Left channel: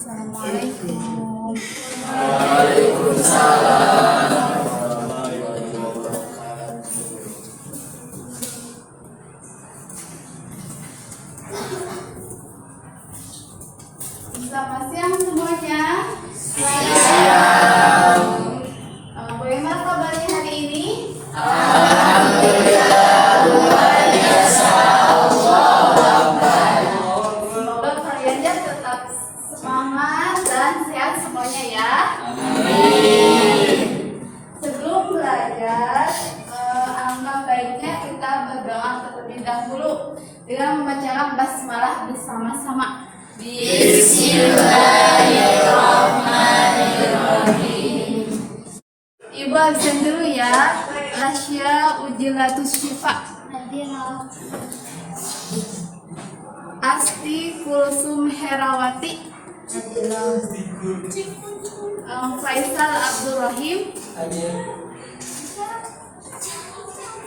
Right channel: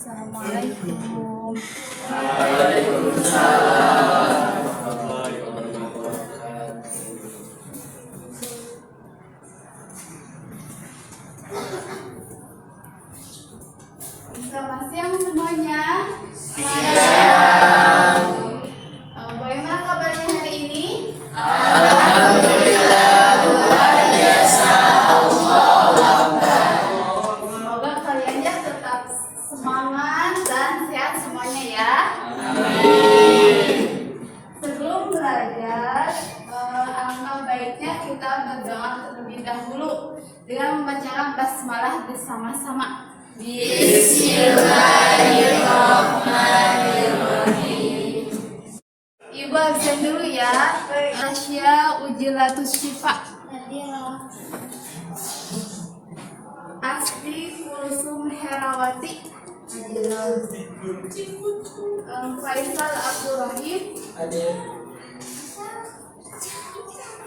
Assalamualaikum. Waalaikumsalam. Selamat siang semuanya. Bagaimana kabarnya hari ini? Alhamdulillah luar biasa. Semoga kalian tetap semangat dan sehat semuanya ya. Sebelum belajar, alangkah baiknya kita berdoa terlebih dahulu dengan membacakan basmalah bersama-sama. Bismillahirrahmanirrahim. Ibu absen dulu ya. Tasya Ujilatus Syifa. Asti Kulsum Herawati. Faisal Abdurrahim.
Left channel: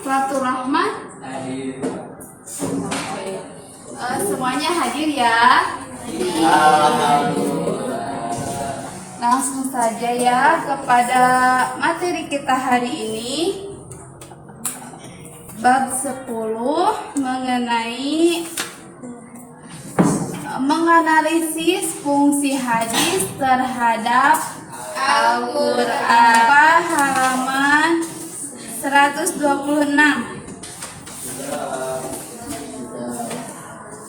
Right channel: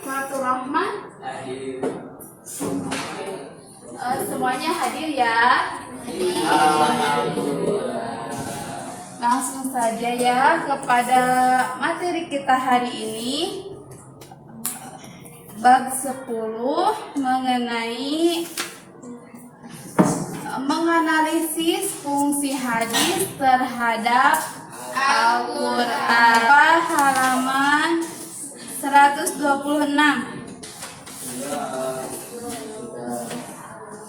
Fatur Rahman. Semuanya hadir ya. Langsung saja ya kepada materi kita hari ini. Bab 10 mengenai menganalisis fungsi hadis terhadap Al-Quran, halaman 126.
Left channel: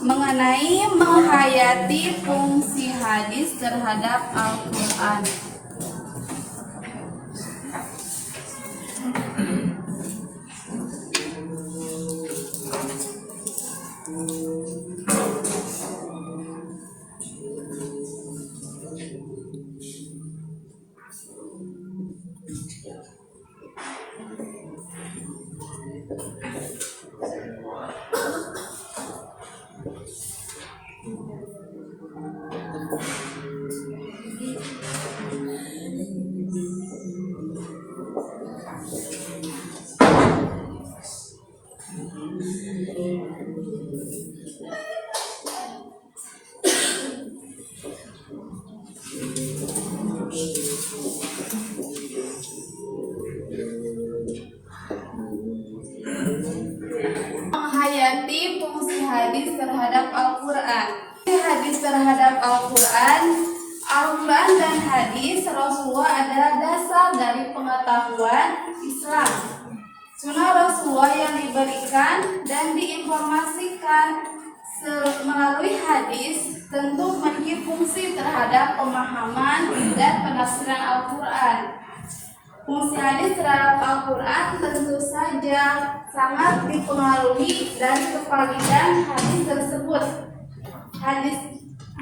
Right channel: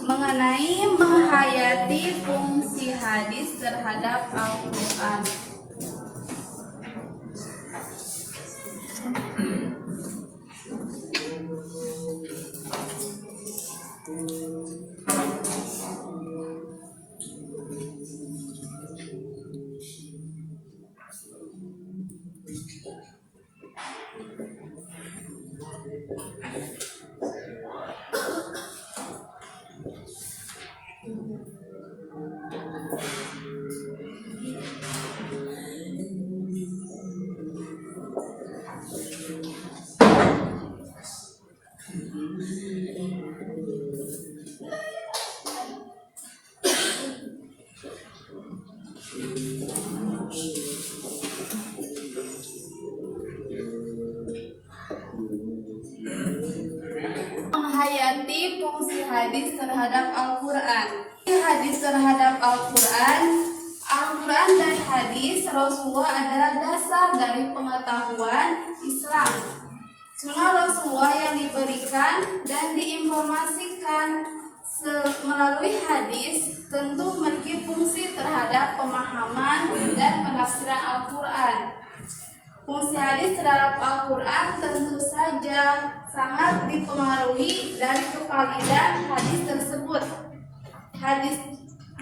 Mengenai menghayati fungsi hadis terhadap Al-Quran. Menghayati fungsi hadis terhadap Al-Quran. Hadis terhadap Al-Quran dan hadis Rasulullah adalah dasar dari pengetahuan Islam. Sunnah Rasulullah yang diberikan dan diinformasikan melalui hadis tentu memiliki fungsi terhadap pemahaman dan penafsiran Al-Quran. Fungsi hadis terhadap Al-Quran tentu saja sangat dipengaruhi dari kevalidan hadis tersebut.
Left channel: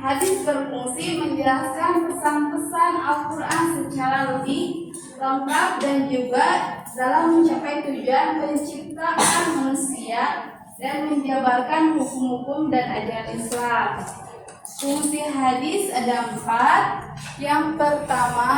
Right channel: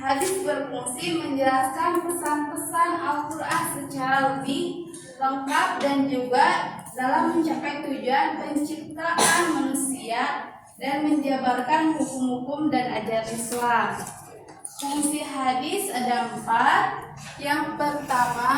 Hadis berfungsi menjelaskan pesan-pesan Al-Quran secara lebih lengkap dan juga dalam mencapai tujuan penciptaan manusia dan menjabarkan hukum-hukum dan ajaran Islam. Fungsi hadis ada 4. Yang pertama,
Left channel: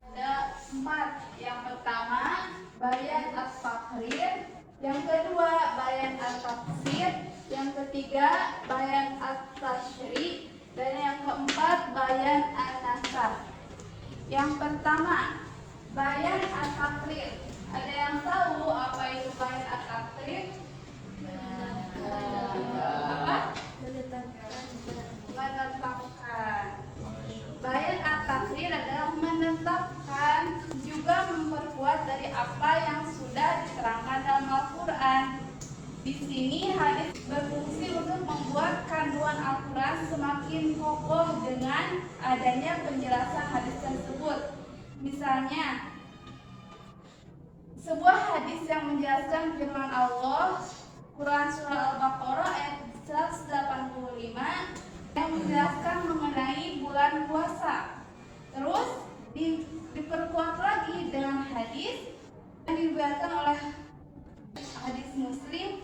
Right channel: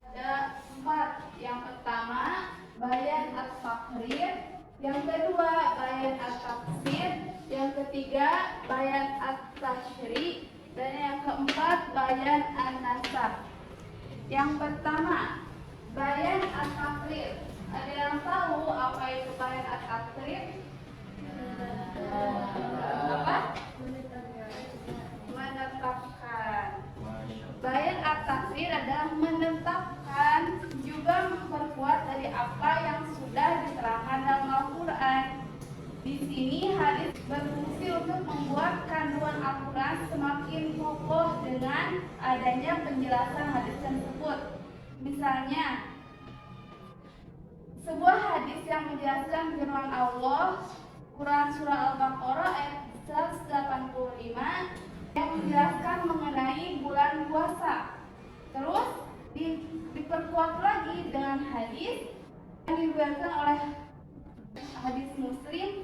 ada 4. Yang pertama, bayan at-taqrir. Yang kedua, bayan at-tafsir. Yang ketiga, bayan at-tashri. Dan yang keempat, bayan an-nasab. Yang pertama, bayan at-taqrir. Ada yang tahu apa itu bayan at-taqrir? Apa? Menetapkan. Bayan at-taqrir adalah menetapkan juga memperkuat dari apa yang sudah diterangkan dalam Al-Quran. membuat kandungan Al-Quran semakin kokoh dengan adanya penjelasan hadis tersebut. Misalnya, sebuah hadis yang menjelaskan firman Allah, Quran Surah Al-Baqarah ayat 185 yang menjelaskan mengenai bulan puasa. Terus diperkuat lagi dengan hadis yang diriwayatkan oleh hadis Muslim,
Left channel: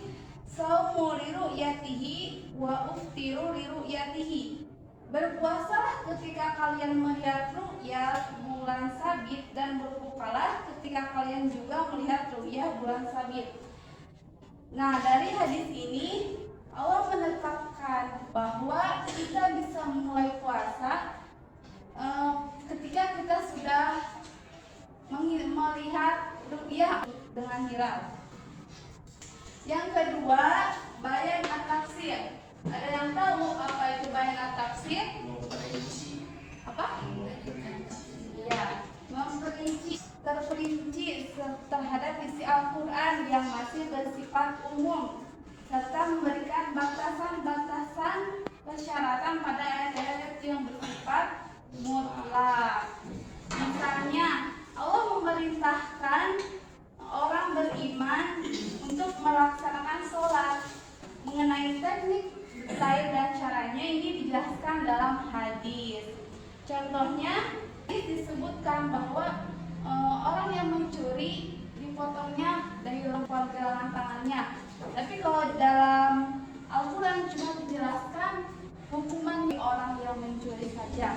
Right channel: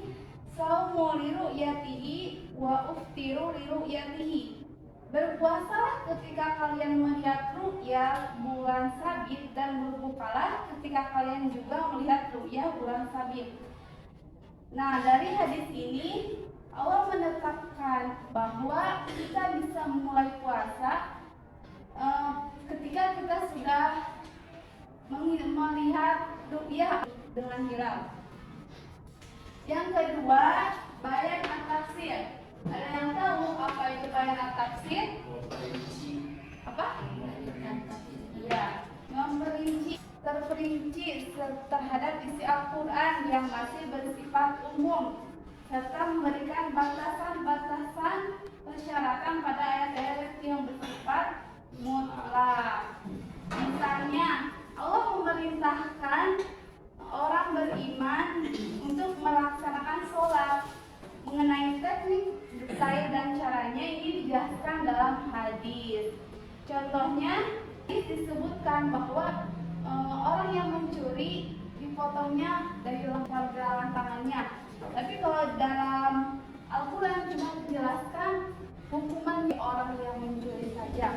"Shaumu li ru'yatihi wa uftiru li ru'yatihi." Berpuasalah ketika kalian melihat ru'ya bulan sabit, dan berbukalah ketika kalian juga melihat ru'ya bulan sabit. Nah, dari hadis ini Allah menetapkan bahwa kita bisa mulai puasa ketika kita sudah melihat ru'ya dengan hilal. Yang kedua, bayan at-tafsir. Ada yang tahu apa itu bayan at-tafsir? Apa? Iya, terperinci terhadap isi Al-Quran yang masih bersifat umum, serta memberikan batasan-batasan persyaratan pada ayat-ayat yang bersifat mutlak. Misalnya, Allah memerintahkan orang beriman untuk melaksanakan sholat. Mengenai teknik, detail, dan caranya ini dijelaskan dalam hadis. Contohnya, disebutkan bahwa orang yang mencuri dipotongnya dari pergelangan tangannya. Tapi kalau dalam Al-Quran cuma dijelaskan hukuman orang yang mencuri saja.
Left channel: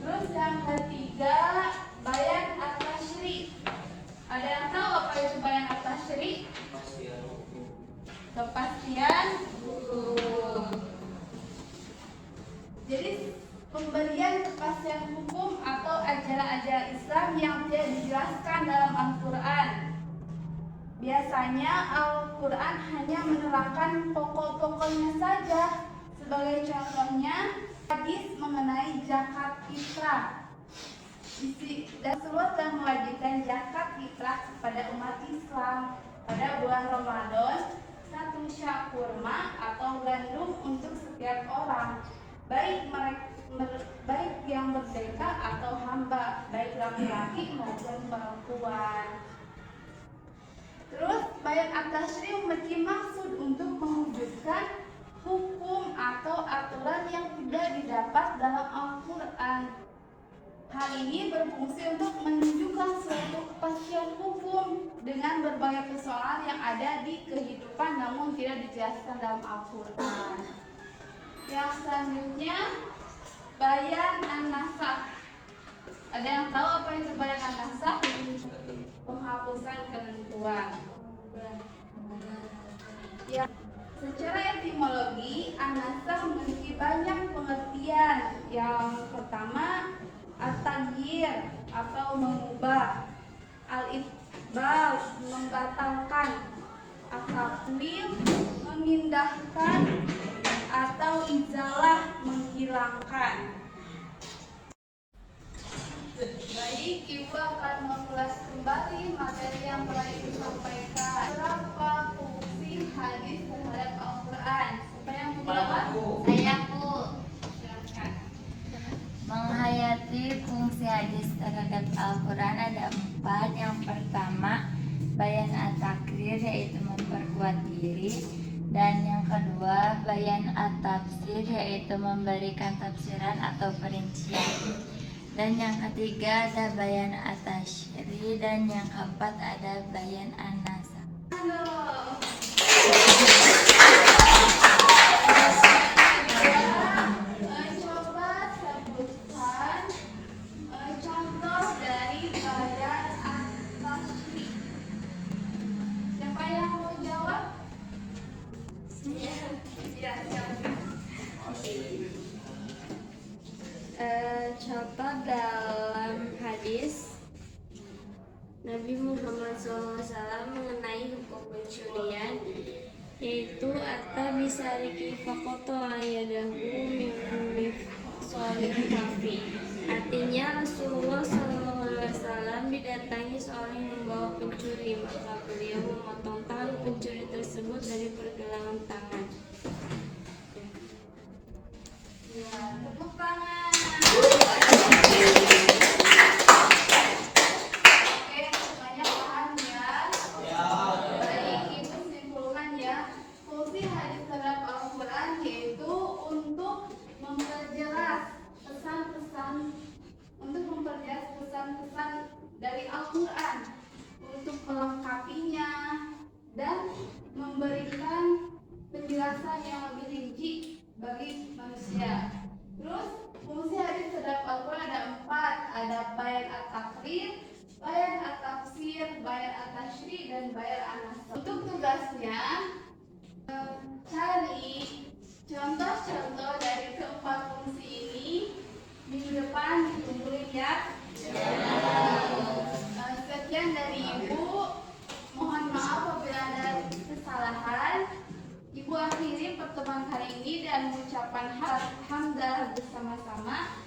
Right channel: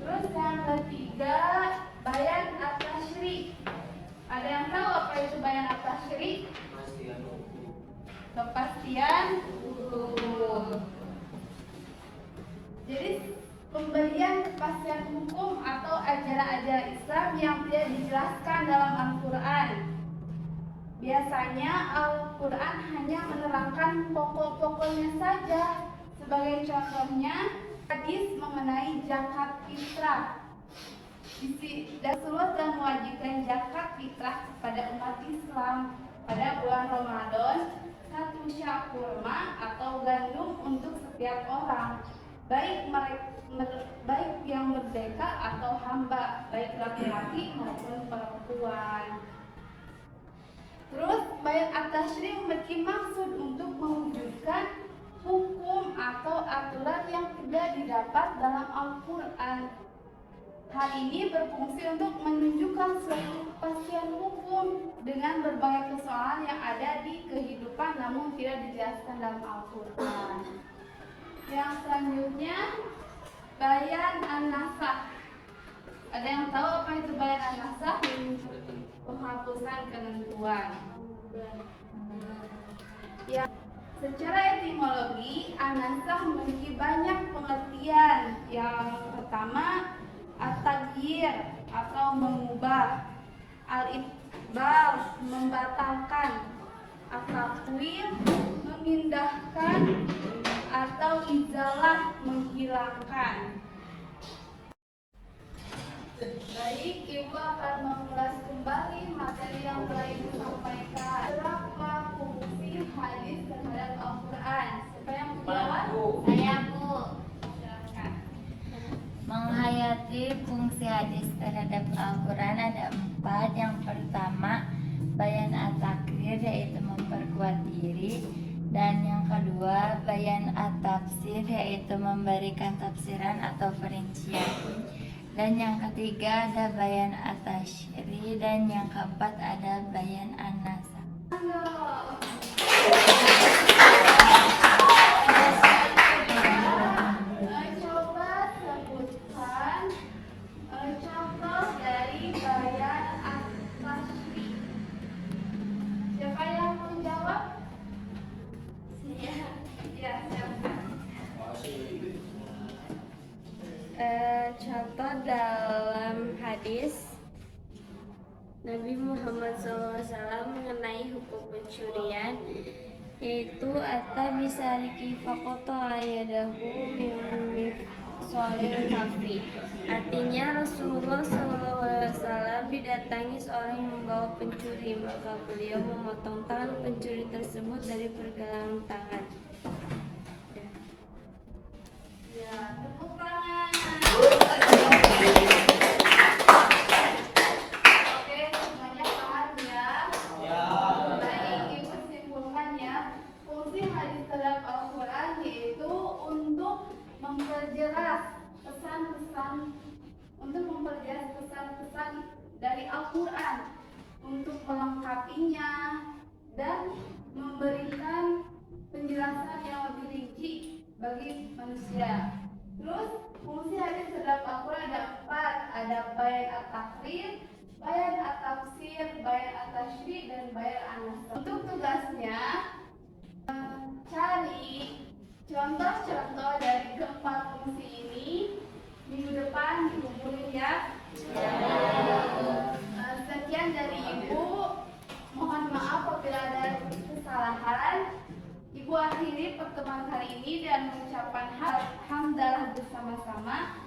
Terus yang ketiga, bayan at-tasyri'. Ada yang tahu apa itu bayan at-tasyri'? Kepastian hukum. Jadi pemberian kepastian hukum atau ajaran-ajaran Islam yang tidak dijelaskan dalam Al-Quran. Biasanya Al-Quran hanya menerangkan pokok-pokoknya saja. Sebagai contohnya, hadis mengenai zakat fitrah. Rasulullah telah mewajibkan zakat fitrah kepada umat Islam pada bulan Ramadan, 1 syak kurma atau gandum untuk setiap orang, baik yang merdeka atau hamba, baik laki-laki maupun perempuan. Terus bayan at-tasyri' memiliki maksud untuk mewujudkan hukum atau aturan yang tidak didapat dalam Al-Quran. Hal ini berfungsi untuk menunjukkan suatu kepastian hukum dengan berbagai persoalan yang ada di kehidupan namun tidak dijelaskan dalam Al-Quran. Yang selanjutnya, bayan an-nasakh. Ada yang tahu apa itu bayan an-nasakh? Penghapusan ketentuan. Ya, secara etimologi, an-nasakh memiliki banyak pengertian. Yang pertama, at-taghyir atau mengubah, al-ibdal membatalkan, at-tafwid memindahkan, atau izalah menghilangkan. Baik, Ibu akan mengulas kembali materi yang telah Ibu sampaikan. Berapa fungsi hadis terhadap Al-Quran? Siapa yang menjawab? Saya, Bu. Silakan. Menghayati fungsi hadis terhadap Al-Quran ada 4. Yang pertama, bayan at-takrir, yaitu memperkuat diri. Dan yang kedua, bayan at-tafsir, yaitu memberikan tafsiran atau perincian. Dan yang ketiga ada bayan at-tasyri', dan yang keempat ada bayan an-nasakh. Coba sebutkan contoh dari bayan at-tasyri'. Siapa yang mau jawab? Ya, silakan. Contoh dalam hadis Nabi Muhammad SAW mengenai hukum pencurian, yaitu atta bisariki fakoto ayadahu min sohir kafi. Artinya Rasulullah SAW didatangi seorang yang membawa pencuri, maka beliau memotong tangan pencuri tersebut dari pergelangan tangan. Khair An-Nasr. Untuk tugasnya, cari contoh-contoh dari keempat fungsi ini. Minggu depan dikumpulin ya. Sekian dari Ibu. Mohon maaf apabila ada kesalahan. Ibu akhiri pertemuan hari ini dan mengucapkan hamdalah bersama-sama.